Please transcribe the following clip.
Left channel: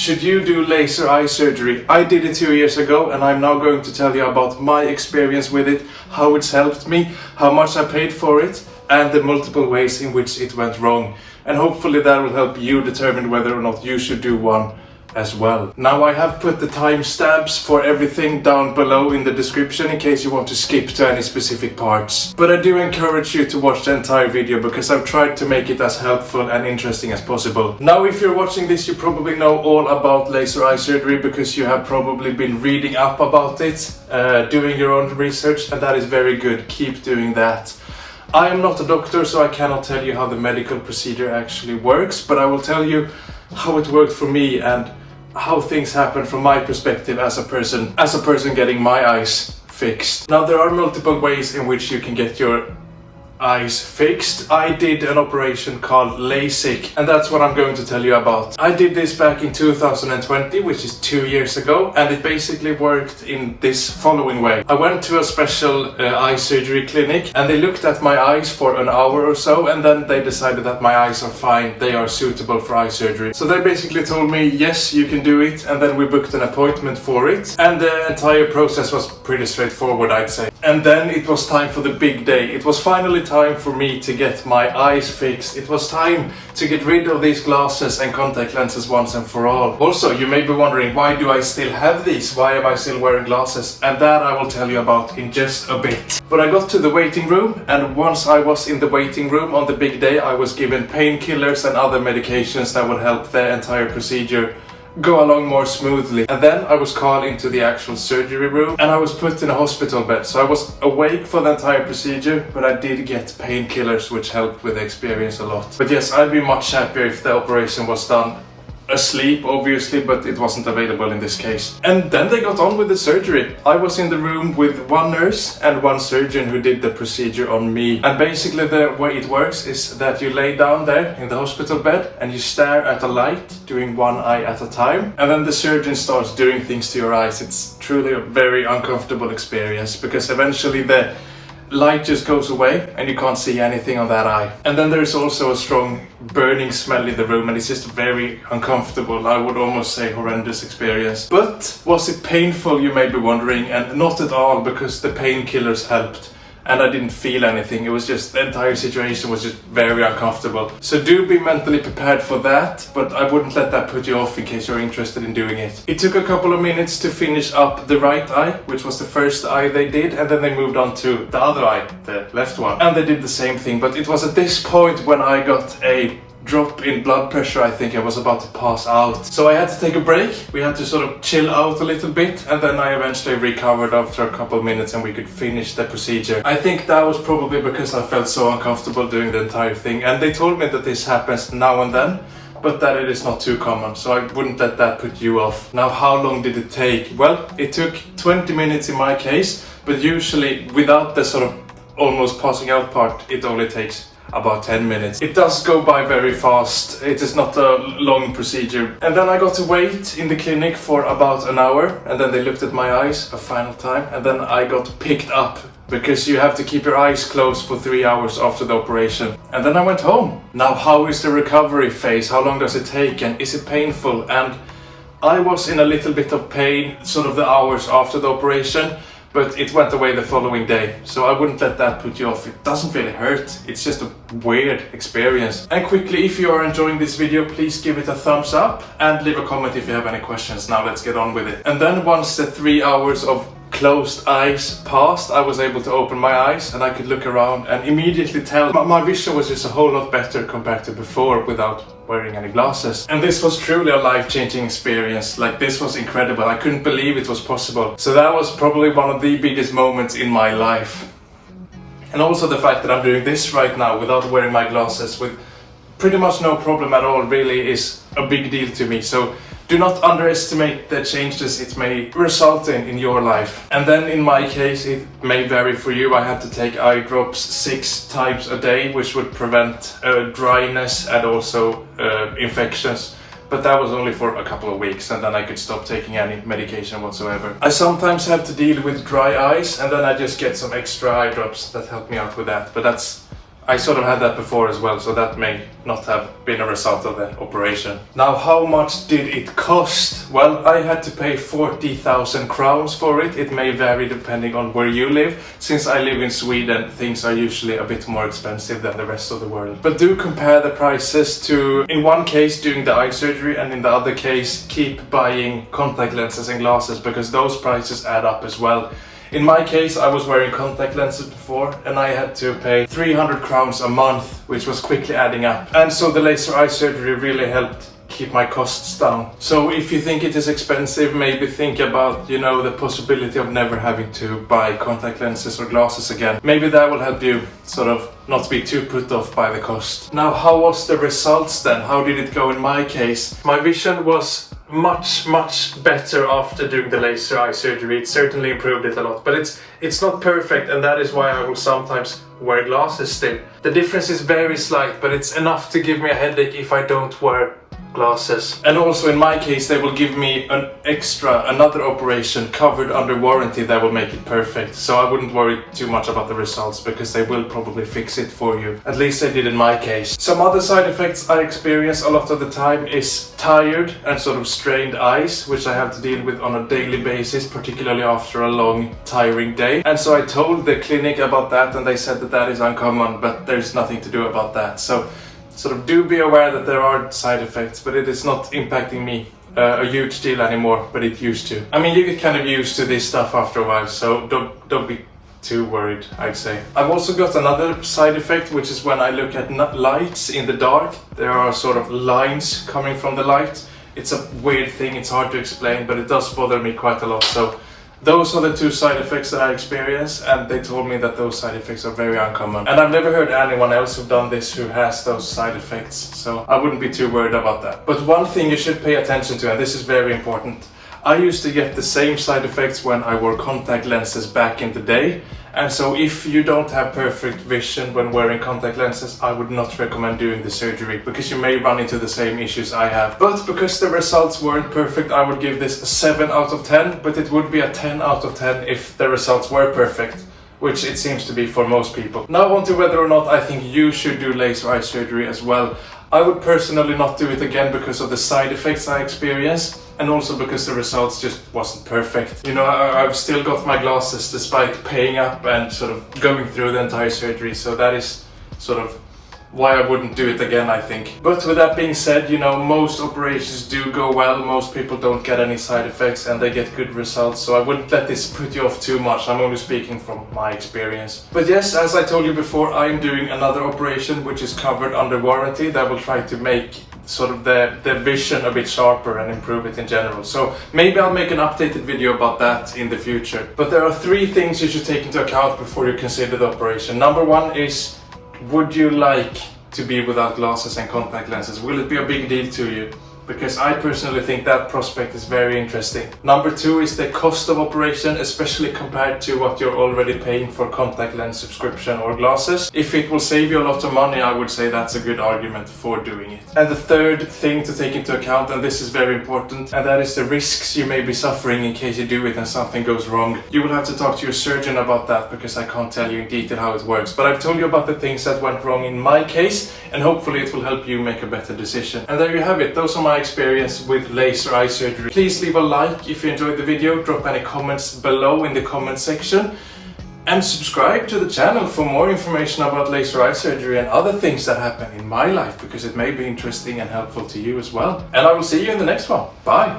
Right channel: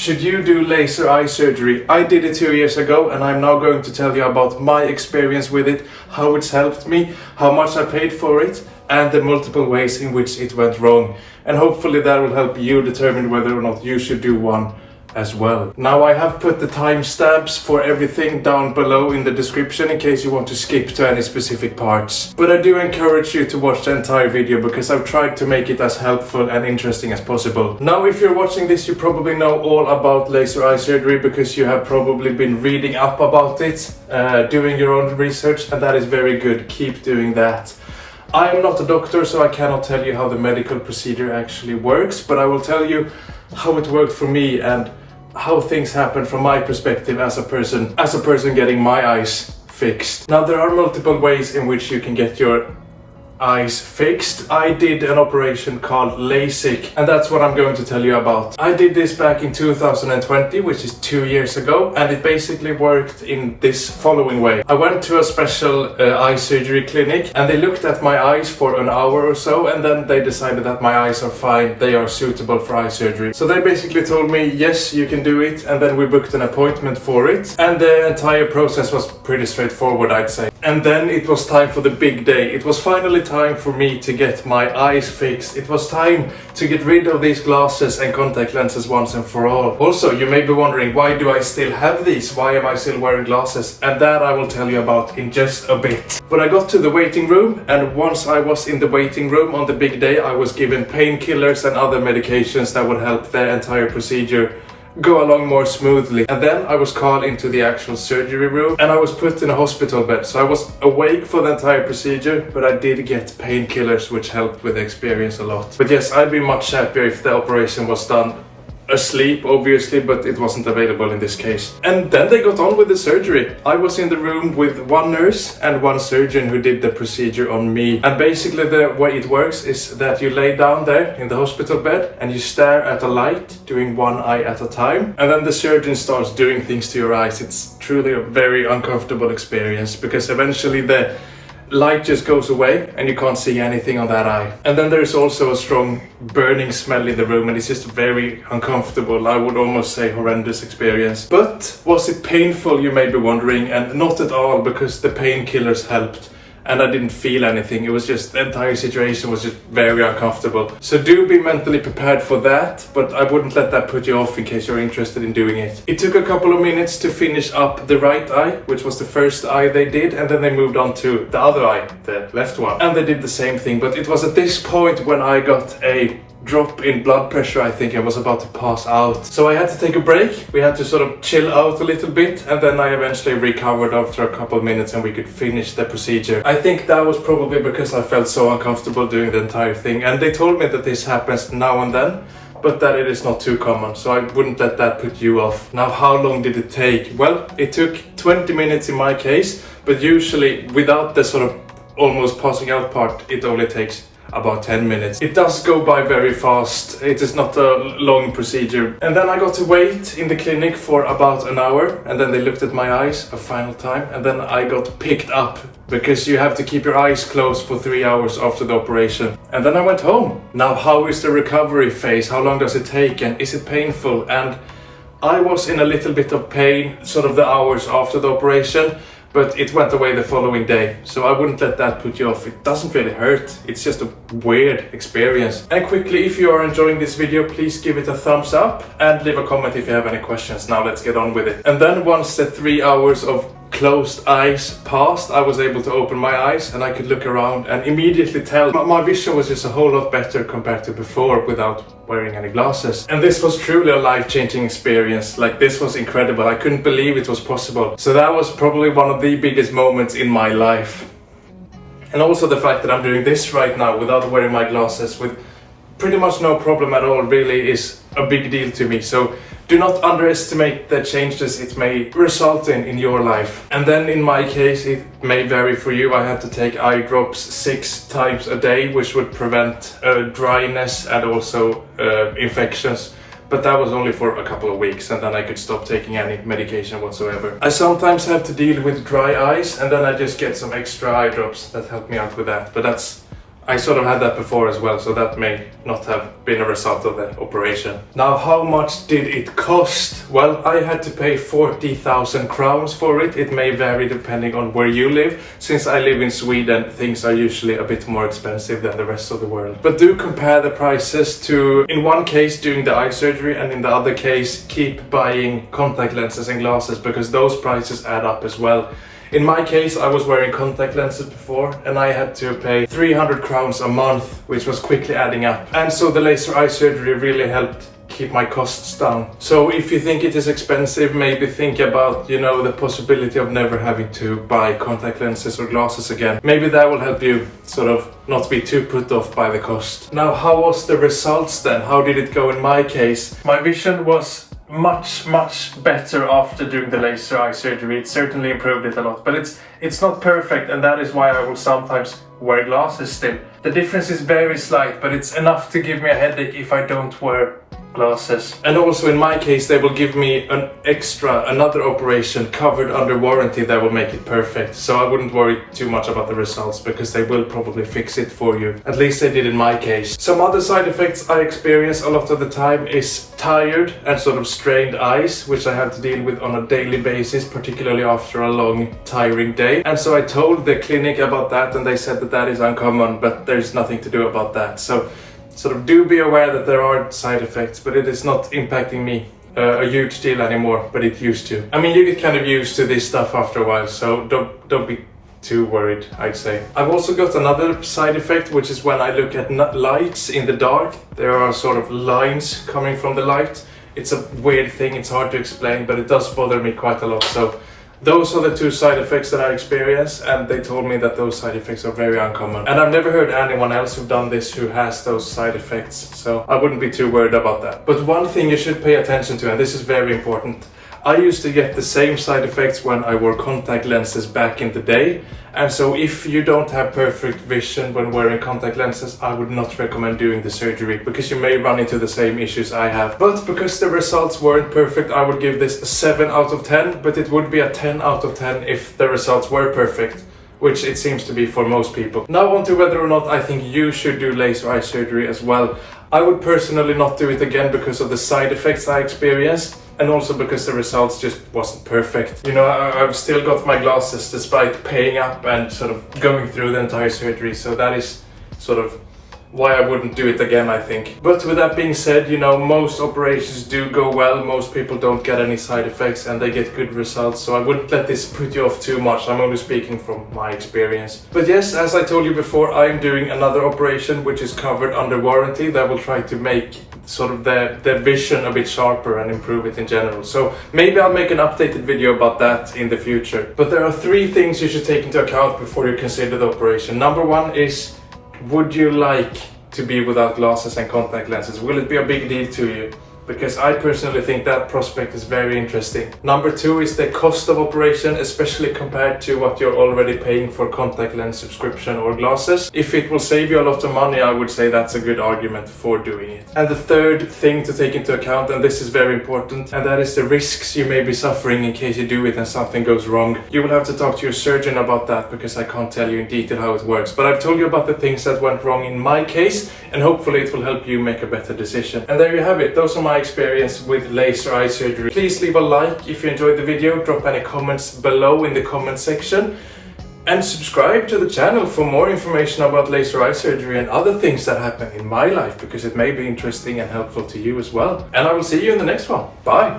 Should you do laser eye surgery? I did it 2 years ago and I'm now going to tell you about my experience with it, how it's helped me, how much I paid for it, and the multiple ways in which it went wrong. And hopefully that will help you determine whether or not you should do one as well. Now I have put the timestamps for everything down below in the description in case you want to skip to any specific parts. But I do encourage you to watch the entire video because I've tried to make it as helpful and interesting as possible. Now if you're watching this, you probably know all about laser eye surgery because you have probably been reading up about it, doing your own research, and that is very good. Keep doing that. I am not a doctor, so I cannot tell you how the medical procedure actually works, but I will tell you how it worked for me and how things happen from my perspective as a person getting my eyes fixed. Now there are multiple ways in which you can get your eyes fixed. I did an operation called LASIK, and that's what I'm going to tell you about. I did this back in 2020, which is 2 years ago, and it basically worked in this following way. I went to a special eye surgery clinic and they looked at my eyes for an hour or so, and then they decided that my eyes are fine, they are suitable for eye surgery. So they basically told me, yes, you can do it, and then we booked an appointment for it, and the entire process was pretty straightforward, I'd say. And then it was time for the big day. It was finally time for me to get my eyes fixed. It was time to get rid of these glasses and contact lenses once and for all. Also, you may be wondering, why do I still have these? Why am I still wearing glasses? And that I will tell you about in just a bit. But I got to the waiting room, and once I was in the waiting room on the big day, I was given painkillers and other medications that would help the entire procedure go along more smoothly. And then I was called into the actual surgery room and I was put in a hospital bed. So I was awake for the entire procedure, but I did get painkillers which helped with the experience a lot. But yes, I'd be much happier if the operation was done asleep, obviously, but it wasn't available in this case. And then they got on with the surgery. I was in the room with one nurse and one surgeon who did the procedure on me. And basically the way it works is that you lay down there in the hospital bed and you stare at a light, doing one eye at a time. And then the surgeon starts doing things to your eyes. It's truly a very uncomfortable experience because eventually the light just goes away and you can't see anything on that eye. And then there's also a strong burning smell in the room and it's just very uncomfortable. I would almost say horrendous experience. But was it painful, you may be wondering? And not at all, because the painkillers helped. And I didn't feel anything. It was just, the entire situation was just very uncomfortable. So do be mentally prepared for that, but I wouldn't let that put you off in case you're interested in doing it. It took a couple of minutes to finish up the right eye, which was the first eye they did, and then they moved on to the other eye, the left one. And they did the same thing, but it was at this point when I got a drop in blood pressure. I think I was about to pass out. So I had to take a break. We had to sort of chill out a little bit, and then I eventually recovered after a couple of minutes and we could finish the procedure. I think that was probably because I felt so uncomfortable doing the entire thing, and they told me that this happens now and then, but that it is not too common, so I wouldn't let that put you off. Now, how long did it take? Well, it took 20 minutes in my case, but usually without the sort of almost passing out part, it only takes about 10 minutes. It does go by very fast. It is not a long procedure. And then I got to wait in the clinic for about an hour, and then they looked at my eyes a final time, and then I got picked up because you have to keep your eyes closed for 3 hours after the operation. And then I went home. Now, how is the recovery phase? How long does it take, and is it painful? And I was in a little bit of pain sort of the hours after the operation, but it went away the following day, so I wouldn't let that put you off. It doesn't really hurt, it's just a weird experience. And quickly, if you are enjoying this video, please give it a thumbs up and leave a comment if you have any questions. Now let's get on with it. And then once the 3 hours of closed eyes passed, I was able to open my eyes and I could look around and immediately tell my vision was just a whole lot better compared to before without wearing any glasses. And this was truly a life-changing experience. Like, this was incredible. I couldn't believe it was possible. So that was probably one of the biggest moments in my life. And also the fact that I'm doing this right now without wearing my glasses with pretty much no problem at all really is a big deal to me. So do not underestimate the changes it may result in your life. And then in my case, it may vary for you. I had to take eye drops 6 times a day, which would prevent dryness and also infections. But that was only for a couple of weeks, and then I could stop taking any medication whatsoever. I sometimes have to deal with dry eyes, and then I just get some extra eye drops that help me out with that. But I sort of had that before as well, so that may not have been a result of the operation. Now, how much did it cost? Well, I had to pay 40,000 crowns for it. It may vary depending on where you live. Since I live in Sweden, things are usually a bit more expensive than the rest of the world. But do compare the prices to, in one case, doing the eye surgery, and in the other case, keep buying contact lenses and glasses, because those prices add up as well. In my case, I was wearing contact lenses before, and I had to pay 300 crowns a month, which was quickly adding up. And so the laser eye surgery really helped keep my costs down. So if you think it is expensive, maybe think about, the possibility of never having to buy contact lenses or glasses again. Maybe that will help you sort of not be too put off by the cost. Now, how was the results then? How did it go in my case? My vision was much better after doing the laser eye surgery. It certainly improved it a lot, but it's not perfect, and that is why I will sometimes wear glasses still. The difference is very slight, but it's enough to give me a headache if I don't wear glasses. And also in my case, they will give me another operation covered under warranty that will make it perfect. So I wouldn't worry too much about the results, because they will probably fix it for you. At least they did in my case. Some other side effects I experience a lot of the time is tired and sort of strained eyes, which I have to deal with on a daily basis, particularly after a long, tiring day. And so I told the clinic about that, and they said that is uncommon, but there's nothing to do about that. So sort of do be aware that there are side effects, but it is not impacting me a huge deal anymore, but it used to. I mean, you get kind of used to this stuff after a while, so don't be too worried, I'd say. I've also got another side effect, which is when I look at lights in the dark, there are sort of lines coming from the light. It's a weird thing, it's hard to explain, but it does bother me quite a lot. So those are the two side effects that I experience, and they told me that those side effects are very uncommon. And I've never heard anyone else who've done this who has those side effects, so I wouldn't be too worried about that. But one thing you should pay attention to, and this is very important, I used to get the same side effects when I wore contact lenses back in the day. And so if you don't have perfect vision when wearing contact lenses, I would not recommend doing the surgery, because you may run into the same issues I have. But because the results weren't perfect, I would give this a 7 out of 10, but it would be a 10 out of 10 if the results were perfect, which it seems to be for most people. Now on to whether or not I think you should do laser eye surgery as well. I would personally not do it again because of the side effects I experienced, and also because the results just wasn't perfect. I've still got my glasses despite paying up and sort of going through the entire surgery, so that is sort of why I wouldn't do it again, I think. But with that being said, most operations do go well, most people don't get any side effects, and they get good results, so I wouldn't let this put you off too much. I'm only speaking from my experience. But yes, as I told you before, I'm doing another operation which is covered under warranty that will try to make sort of the vision a bit sharper and improve it in general. So maybe I'll make an updated video about that in the future. But there are 3 things you should take into account before you consider the operation. Number 1 is, would you like to be without glasses and contact lenses? Will it be a big deal to you? Because I personally think that prospect is very interesting. Number 2 is the cost of operation, especially compared to what you're already paying for contact lens subscription or glasses. If it will save you a lot of money, I would say that's a good argument for doing it. And the third thing to take into account, and this is very important, and that is the risks you may be suffering in case you do it and something goes wrong. You will have to talk to your surgeon about that, because I can't tell you in detail how it works. But I've told you about the things that went wrong in my case, and hopefully it will help you make a better decision. And there you have it. Those are my experience with laser eye surgery. Please leave a like if you enjoyed the video, drop any comments below in the comment section, and subscribe to the channel for more information about laser eye surgery and other things that happen in my life, because it may be interesting and helpful to you as well. And I will see you in the next one. Bye!